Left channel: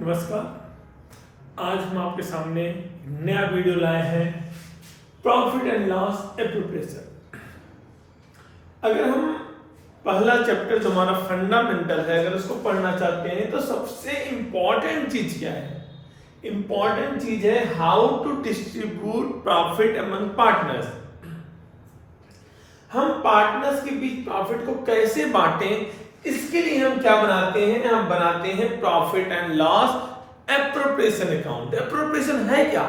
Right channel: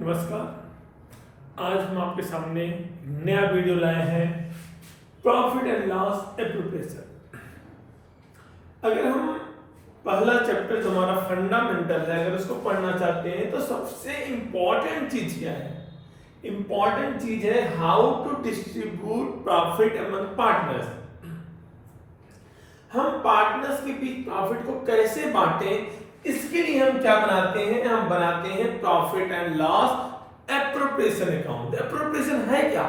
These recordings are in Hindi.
नमस्कार। आज हम आपके सामने नया वीडियो लाए हैं, प्रॉफिट एंड लॉस एप्रोप्रिएशन। अगर हम पहला चैप्टर जो हमारा फंडामेंटल है, अगर उसको पढ़ना चाहते हैं तो सबसे इंपॉर्टेंट चीज क्या है? इंपॉर्टेंट चीज है how to distribute profit among partners. हम पार्टनर्स के बीच प्रॉफिट को कैसे बांटें, इसके लिए हम क्या बनाते हैं? हम बनाते हैं profit and loss appropriation account. Appropriation है क्या?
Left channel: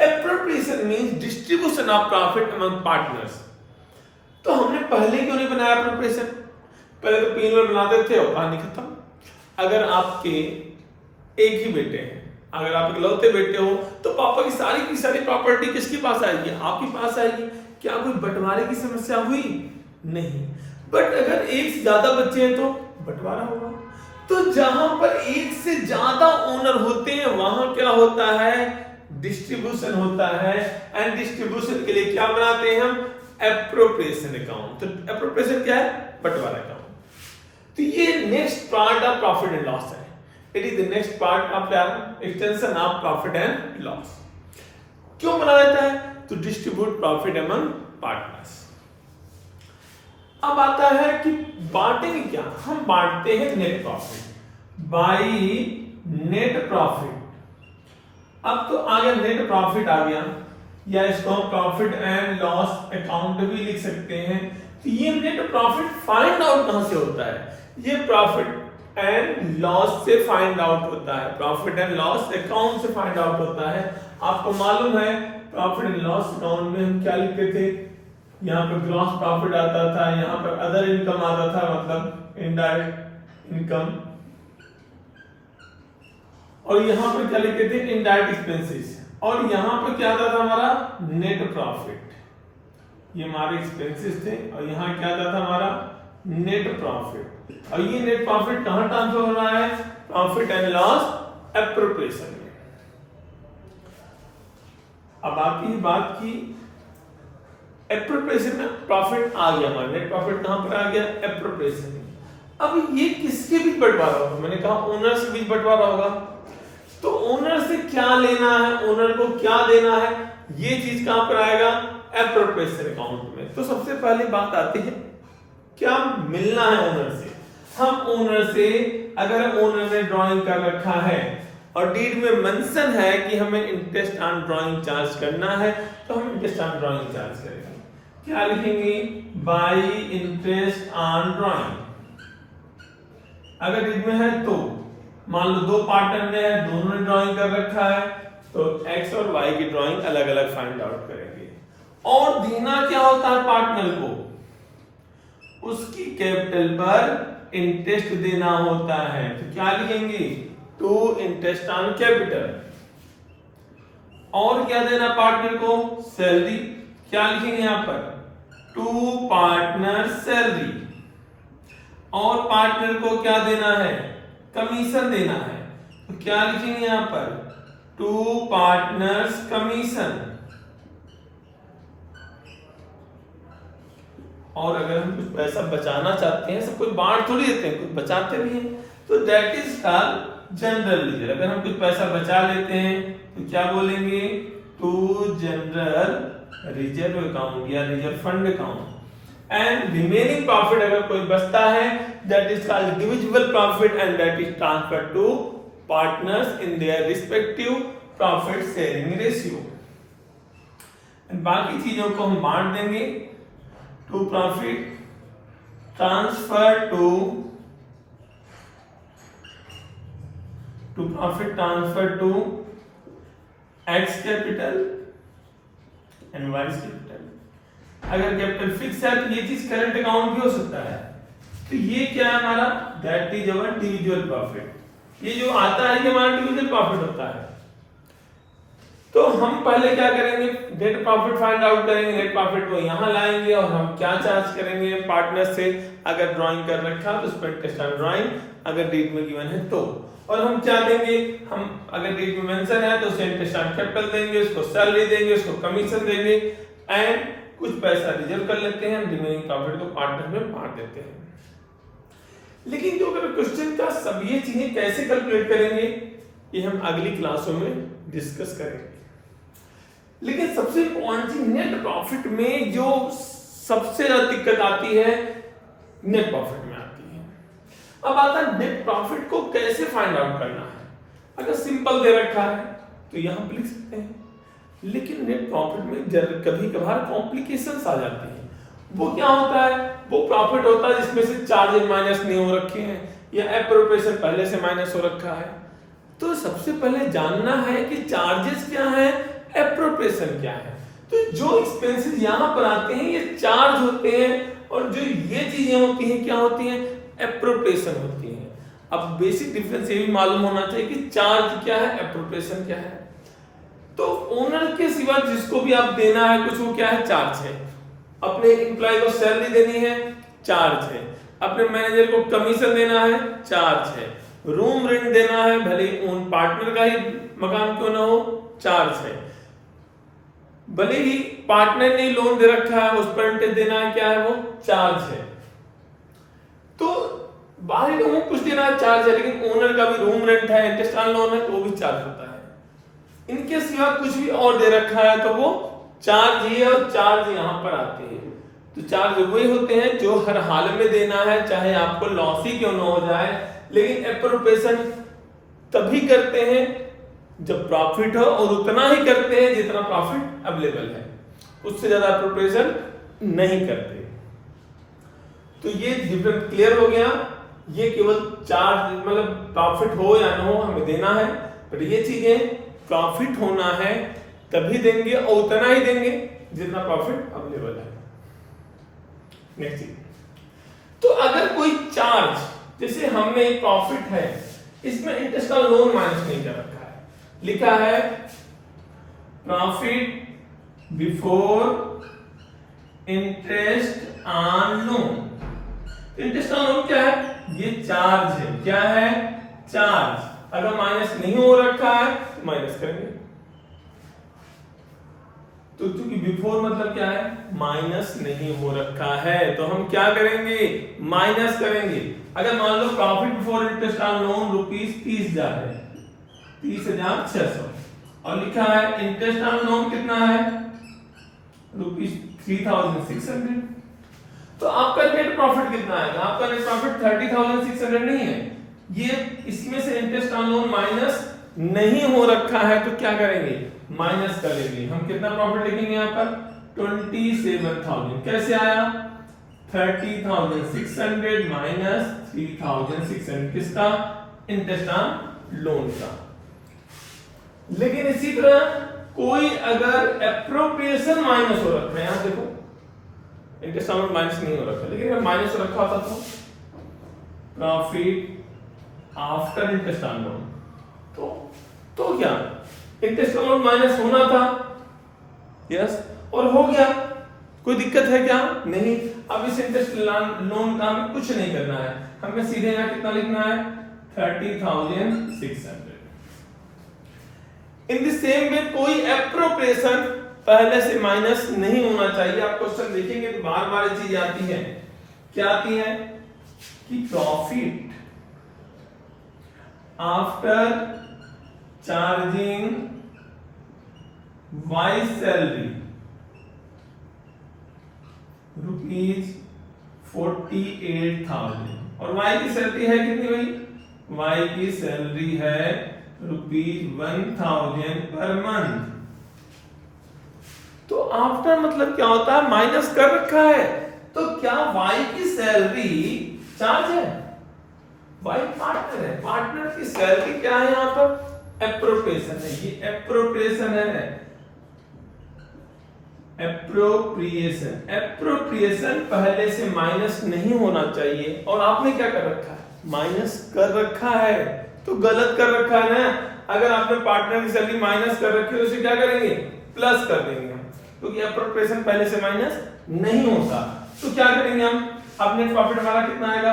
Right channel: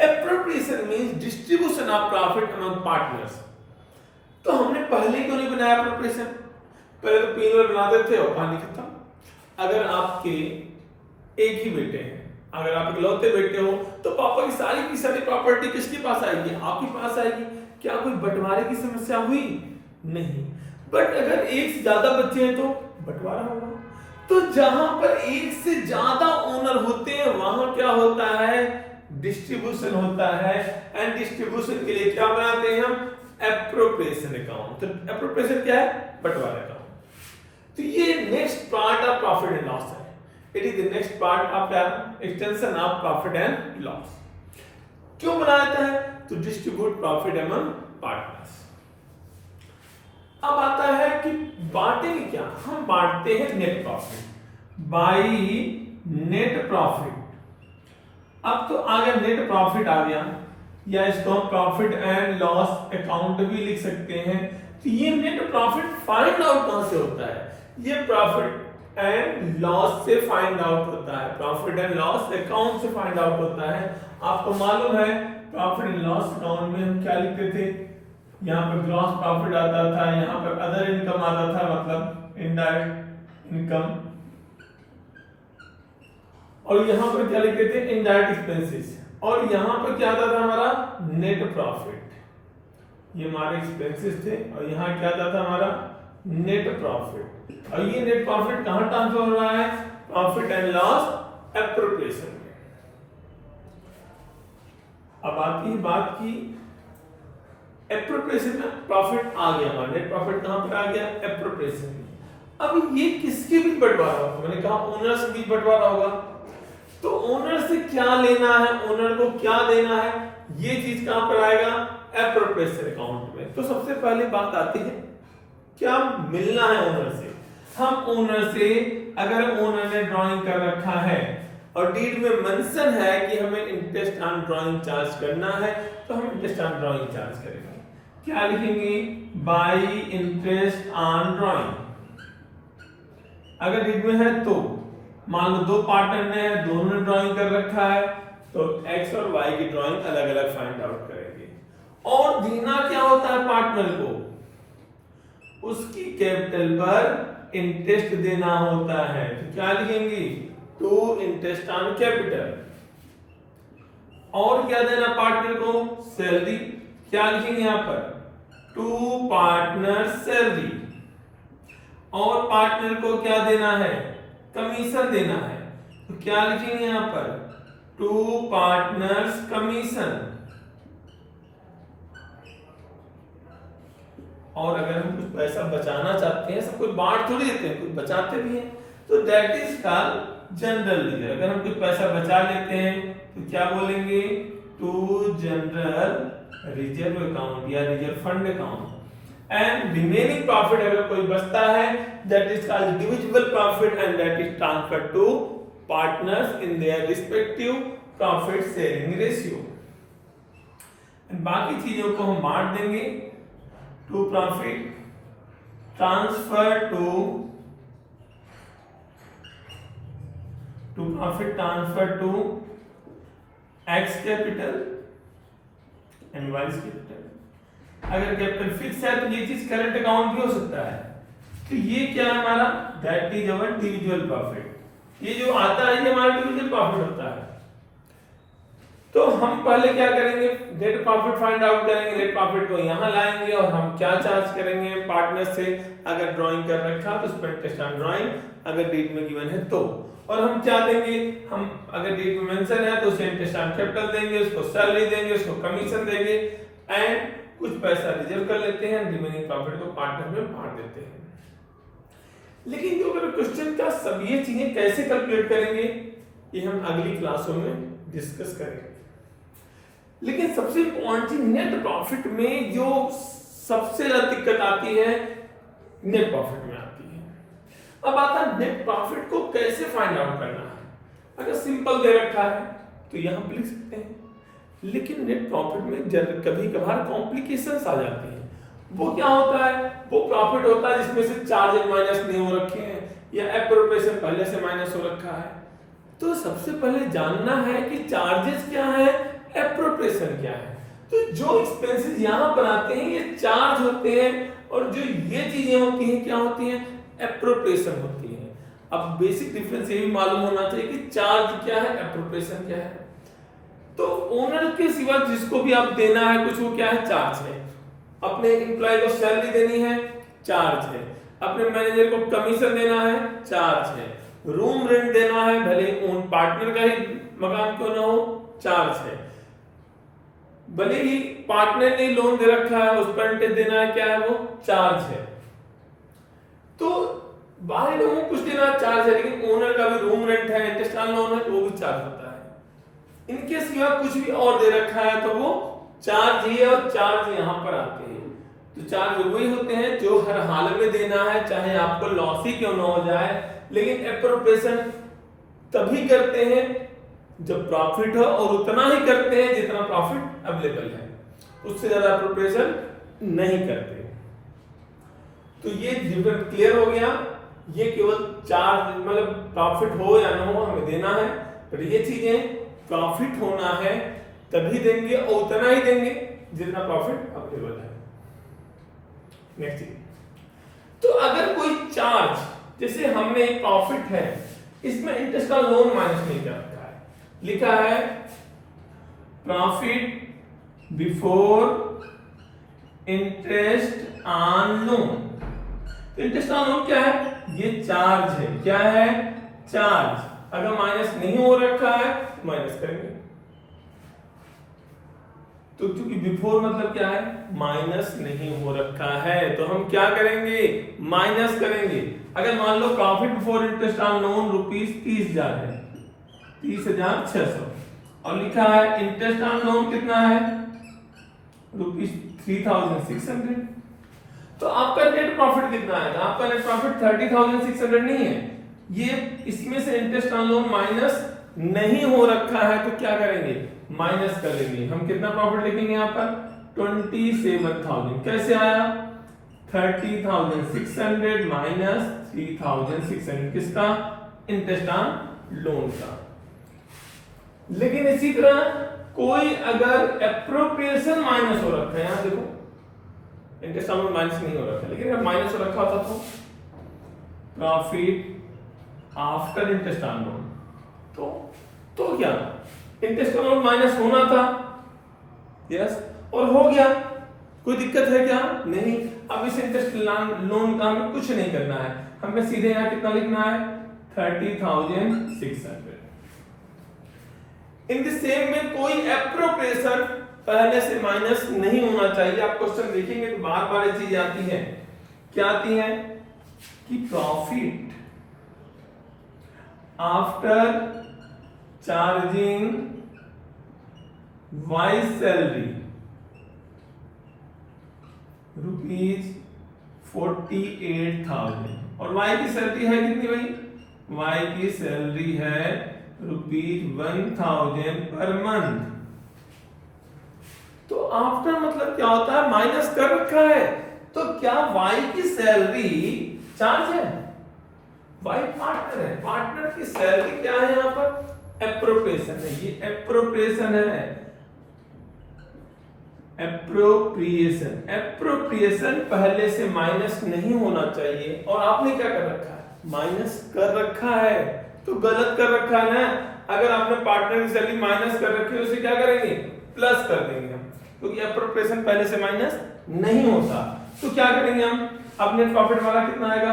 Appropriation means distribution of profit among partners. तो हमने पहले क्यों नहीं बनाया एप्रोप्रिएशन? पहले तो P&L बनाते थे और कहानी खत्म। अगर आपके एक ही बेटे हैं, अगर आप इकलौते बेटे हो, तो पापा की सारी प्रॉपर्टी किसके पास आएगी? आपके पास आएगी। क्या कोई बंटवारे की समस्या हुई? नहीं। बट अगर एक से ज्यादा बच्चे हैं तो बंटवारा होगा। तो जहां पर एक से ज्यादा ओनर होते हैं वहां क्या होता है? डिस्ट्रीब्यूशन होता है। एंड डिस्ट्रीब्यूशन के लिए क्या बनाते हैं हम? Appropriation account. तो एप्रोप्रिएशन क्या है? बंटवारा अकाउंट। तो ये next part of profit and loss है। It is the next part of extension of profit and loss. क्यों बनाया जाता है? To distribute profit among partners. अब आता है कि बांटेंगे क्या? हम बांटते हैं net profit by net profit. अब तो आगे नेट प्रॉफिट आ गया, या इसको हम प्रॉफिट एंड लॉस अकाउंट भी लिख सकते हैं। तो ये नेट प्रॉफिट फाइंड आउट कहां से होता है? ये प्रॉफिट एंड लॉस से फाइंड आउट होता है, प्रॉफिट एंड लॉस अकाउंट से फाइंड आउट होता है। आपको मालूम है प्रॉफिट एंड लॉस अकाउंट में हम क्या लिखते थे? यहाँ पर ग्रॉस प्रॉफिट आता था, यहाँ पर अदर इनकम आता था, मतलब इनडायरेक्ट इनकम, और यहाँ पर क्या लिखते थे? Indirect expenses. और यहाँ पर क्या आता था हमारा? Net profit. ये हमारे एक्सपेंसेस थे, और यहाँ क्या आता था हमारा? Net profit. और ये नेट प्रॉफिट कहां ट्रांसफर हो रहा है? प्रॉफिट एंड लॉस एप्रोप्रिएशन में। अब आती है बात की एप्रोप्रिएशन में प्रॉफिट आ गया, हमारा नेट प्रॉफिट कहां पर आ गया? एप्रोप्रिएशन में। अब ये किसके बीच बंटवारा होगा? मैंने कहा ओनर से बीच बंटवारा होगा। तो ओनर से क्या लेना है, ओनर को क्या देना है, ये चीज कहां पर आएगा? एप्रोप्रिएशन अकाउंट में। तो सबसे पहली बात आती है क्या मिलना है ओनर से? हम ओनर से, अगर ओनर ने ड्राइंग कर रखा है और डीड में मेंशन है कि हमें इंटरेस्ट ऑन ड्राइंग चार्ज करना है, तो हम इंटरेस्ट ऑन ड्राइंग चार्ज करेंगे। क्या लिखेंगे? Bye interest on drawing. अगर डीड में है तो मान लो दो पार्टनर ने, दोनों ने ड्राइंग कर रखा है, तो एक्स और वाई की ड्राइंग अलग अलग फाइंड आउट करेंगे। और देना क्या होता है पार्टनर को? उसकी कैपिटल पर इंटरेस्ट देना होता है। तो क्या लिखेंगे? To interest on capital. और क्या देना पार्टनर को? सैलरी। क्या लिखेंगे यहां पर? To partner salary. और पार्टनर को क्या देना है? कमीशन देना है। तो क्या लिखेंगे यहां पर? To partners commission. और अगर हम कुछ पैसा बचाना चाहते हैं, सब कुछ बांट थोड़ी देते हैं, कुछ बचाते भी हैं, तो that is called general reserve. अगर हम कुछ पैसा बचा लेते हैं तो क्या बोलेंगे? टू जनरल रिजर्व अकाउंट या reserve fund account. And remaining profit अगर कोई बचता है, that is called divisible profit and that is transferred to partners in their respective profit sharing ratio. बाकी चीजों को हम बांट देंगे। To profit transfer to profit transfer to X capital and Y capital. अगर कैपिटल फिक्स है तो ये चीज करंट अकाउंट भी हो सकता है। तो ये क्या है हमारा? That is our डिविजुअल profit. ये जो आता है ये हमारा डिविजुअल प्रॉफिट होता है। तो हम पहले क्या करेंगे? नेट प्रॉफिट फाइंड आउट करेंगे। नेट प्रॉफिट को यहां लाएंगे और हम क्या चार्ज करेंगे पार्टनर से? अगर ड्राइंग कर रखा तो उस पर इंटरेस्ट ऑन ड्राइंग, अगर डीड में गिवन है तो। और हम क्या देंगे? हम अगर डीड में मेंशन है तो उसे इंटरेस्ट ऑन कैपिटल देंगे, उसको सैलरी देंगे, उसको कमीशन देंगे, एंड कुछ पैसा रिजर्व कर लेते हैं, रिमेनिंग प्रॉफिट को पार्टनर में बांट देते हैं। लेकिन जो अगर क्वेश्चन का सब ये चीजें कैसे कैलकुलेट करेंगे, ये हम अगली क्लासों में डिस्कस करेंगे। लेकिन सबसे इम्पोर्टेंट चीज नेट प्रॉफिट में जो सबसे ज्यादा दिक्कत आती है नेट प्रॉफिट में आती है। अब आता है नेट प्रॉफिट को कैसे फाइंड आउट करना है। अगर सिंपल दे रखा है तो यहां पर लिख सकते हैं, लेकिन नेट प्रॉफिट में कभी कभार कॉम्प्लिकेशंस आ जाती हैं। वो क्या होता है, वो प्रॉफिट होता है जिसमें से चार्जेस माइनस नहीं हो रखे हैं या एप्रोप्रिएशन पहले से माइनस हो रखा है। तो सबसे पहले जानना है कि चार्जेस क्या है, एप्रोप्रिएशन क्या है। तो जो एक्सपेंसेस यहां पर आते हैं ये चार्ज होते हैं, और जो ये चीजें होती हैं क्या होती हैं, एप्रोप्रिएशन होती हैं। अब बेसिक डिफरेंस ये भी मालूम होना चाहिए कि चार्ज क्या है, एप्रोप्रिएशन क्या है। तो ओनर के सिवा जिसको भी आप देना है कुछ, वो क्या है, चार्ज है। अपने एम्प्लॉय को सैलरी देनी है, चार्ज है। अपने मैनेजर को कमीशन देना है, चार्ज है। रूम रेंट देना है, भले उन पार्टनर का ही मकान क्यों ना हो, चार्ज है। भले ही पार्टनर ने लोन दे रखा है, उस पर इंटरेस्ट देना है, क्या है वो, चार्ज है। तो बाहरी लोगों को कुछ देना चार्ज है, लेकिन ओनर का भी रूम रेंट है, इंटरेस्ट ऑन लोन है, तो वो भी चार्ज होता है। इनके सिवा कुछ भी और दे रखा है तो वो चार्ज ही है, और चार्ज यहां पर आते हैं। तो चार्ज वही होते हैं जो हर हाल में देना है, चाहे आपको लॉस ही क्यों ना हो जाए। लेकिन एप्रोप्रिएशन तभी करते हैं जब प्रॉफिट हो, और उतना ही करते हैं जितना प्रॉफिट अवेलेबल है, उससे ज्यादा एप्रोप्रिएशन नहीं करते। तो ये डिफरेंस क्लियर हो गया। ये केवल चार्ज मतलब प्रॉफिट हो या ना हो हमें देना है, पर ये चीजें प्रॉफिट होना है तभी देंगे, और उतना ही देंगे जितना प्रॉफिट अवेलेबल है। नेक्स्ट चीज, तो अगर कोई चार्ज, जैसे हमने प्रॉफिट है, इसमें इंटरेस्ट का लोन माइनस नहीं कर रखा है, लिखा है profit before interest on loan. Interest on loan क्या है, ये चार्ज है। क्या है, चार्ज। अगर माइनस नहीं हो रखा है तो माइनस करेंगे। तो क्योंकि बिफोर मतलब क्या है, माइनस नहीं हो रखा है, तो हम क्या करेंगे, माइनस करेंगे। अगर मान लो profit before interest on loan ₹30,000 है, 30,600, और लिखा है इंटरेस्ट ऑन लोन कितना है, ₹3,600। तो आपका नेट प्रॉफिट कितना आएगा, आपका नेट प्रॉफिट 30,600 नहीं है। ये इसमें से इंटरेस्ट ऑन लोन माइनस नहीं हो रखा है, तो क्या करेंगे, माइनस कर लेंगे। हम कितना प्रॉफिट लिखेंगे यहाँ पर, 27,000। कैसे आया, 30,600 माइनस 3,600, किसका, इंटरेस्ट ऑन लोन का। लेकिन इसी तरह कोई अगर एप्रोप्रिएशन माइनस हो रखा है, यहां देखो इंटरेस्ट ऑन लोन माइनस नहीं हो रखा, लेकिन अगर माइनस हो रखा होता तो profit after interest on loan, तो क्या, इंटरेस्ट ऑन लोन माइनस होना था, यस, और हो गया। कोई दिक्कत है क्या, नहीं। अब इस इंटरेस्ट लोन का हमें कुछ नहीं करना है, हमें सीधे यहां कितना लिखना है, 30,600। इन द सेम में कोई एप्रोप्रिएशन पहले से माइनस नहीं होना चाहिए। आप क्वेश्चन देखेंगे तो बार बार ये चीज आती है, क्या आती है कि profit after charging Y salary ₹48,000, और वाई की सैलरी है कितनी भाई, वाई की सैलरी है ₹1,000 पर मंथ। तो आफ्टर मतलब क्या होता है, माइनस कर रखा है। तो क्या वाई की सैलरी चार्ज है, वाई पार्टनर है, पार्टनर की सैलरी क्या है, यहां पर एप्रोप्रिएशन है। ये एप्रोप्रिएशन है, एप्रोप्रिएशन। एप्रोप्रिएशन पहले से माइनस नहीं होना चाहिए, और आपने क्या कर रखा है, माइनस कर रखा है, तो गलत कर रखा है ना। अगर आपने पार्टनर की सैलरी माइनस कर रखी है तो उसे क्या करेंगे, प्लस कर देंगे हम, क्योंकि एप्रोप्रिएशन पहले से माइनस नहीं होता। तो क्या करेंगे हम, अब नेट प्रॉफिट हमारा कितना आएगा,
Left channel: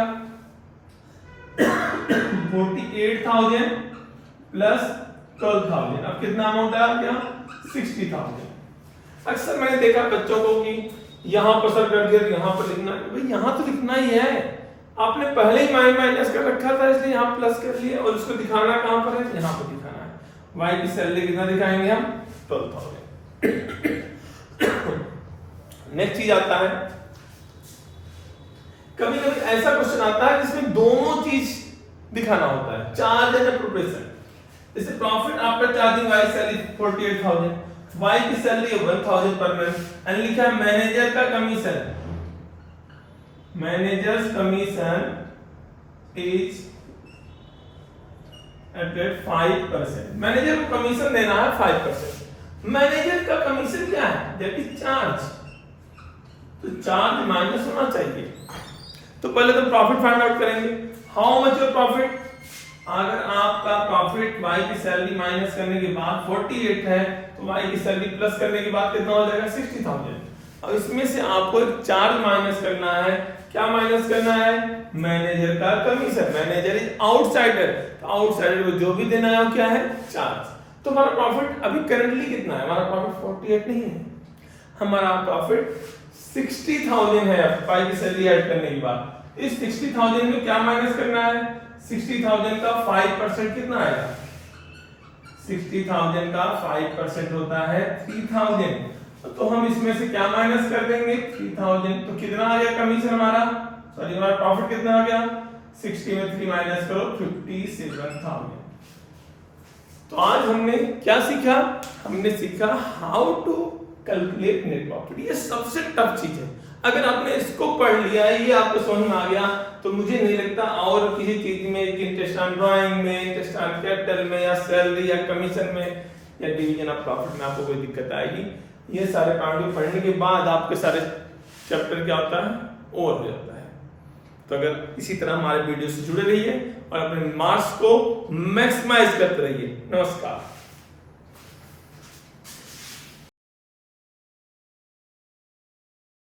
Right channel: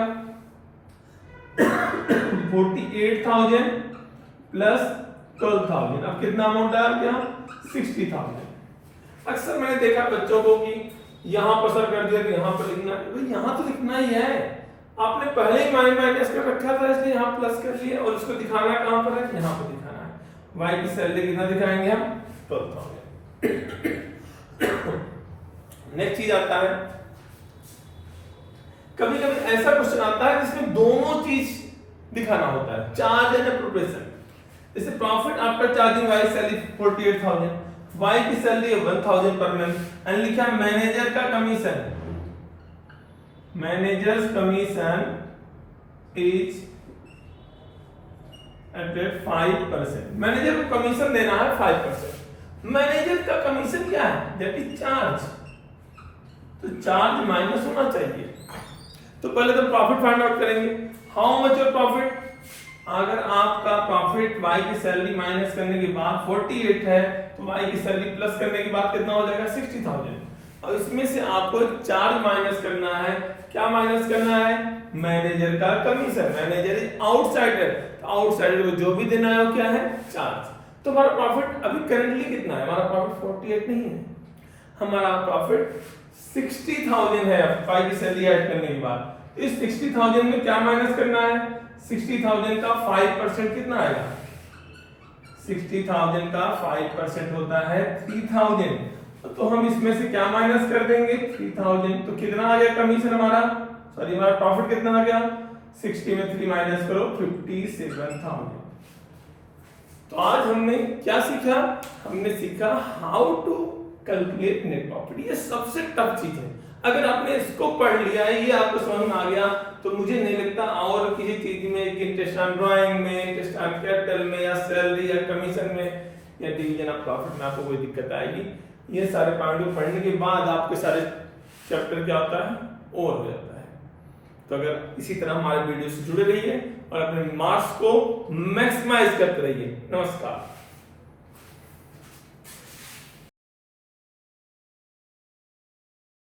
48,000 प्लस 12,000। अब कितना अमाउंट आ गया, 60,000। अक्सर मैंने देखा बच्चों को कि यहां पर सर कर दिया तो यहां पर लिखना है, भाई यहां तो लिखना ही है, आपने पहले ही माइनस कर रखा था, इसलिए यहां प्लस कर लिया, और उसको दिखाना कहां पर है, यहां पर दिखाना y की सैलरी कितना दिखाएंगे हम 12,000। नेक्स्ट चीज आता है, कभी कभी ऐसा क्वेश्चन आता है जिसमें दोनों चीज दिखाना होता है, चार्ज एंड एप्रोप्रिएशन। जैसे profit after charging Y salary 48,000, Y की सैलरी 1,000 पर मंथ एंड लिखा है मैनेजर का commission, manager's commission is at 5%। Manager को कमीशन देना है 5%। मैनेजर का कमीशन क्या है? दैट इज चार्ज, तो चार्ज माइनस होना चाहिए। तो पहले तो प्रॉफिट फाइंड आउट करेंगे। How much your profit? अगर आपका प्रॉफिट y की सैलरी माइनस करने के बाद 48 है तो y की सैलरी प्लस करने के बाद कितना हो जाएगा 60,000। अब इसमें से आपको एक चार्ज माइनस करना है। क्या माइनस करना है? मैनेजर का कमीशन। मैनेजर इज आउटसाइडर, तो आउटसाइडर को जो भी देना है वो क्या है? चार्ज। तो हमारा प्रॉफिट अभी करंटली कितना है? हमारा प्रॉफिट 48 नहीं है, हमारा प्रॉफिट 60,000 है y की सैलरी ऐड करने के बाद। इस 60,000 में क्या माइनस करना है? 60,000 का 5% कितना आएगा? 60,000 का 5% होता है 3,000। तो हम इसमें से क्या माइनस कर देंगे? 3,000। तो कितना आ गया कमीशन हमारा? सॉरी, हमारा प्रॉफिट कितना आ गया? 60 में 3 माइनस करो 57,000। तो आज हमने क्या सीखा? हमने सीखा how to calculate net profit. ये सबसे टफ चीज है। अगर आपने इसको पढ़ लिया, ये आपको समझ में आ गया, तो मुझे नहीं लगता और किसी चीज में, इंटरेस्ट ऑन ड्राइंग में, इंटरेस्ट ऑन कैपिटल में, या सैलरी या कमीशन में, या डिवीजन ऑफ प्रॉफिट में आपको कोई दिक्कत आएगी। ये सारे पॉइंट पढ़ने के बाद आपके सारे चैप्टर क्या होता है? ओवर हो जाता है। तो अगर इसी तरह हमारे वीडियो से जुड़े रहिए और अपने मार्क्स को मैक्सिमाइज करते रहिए। नमस्कार।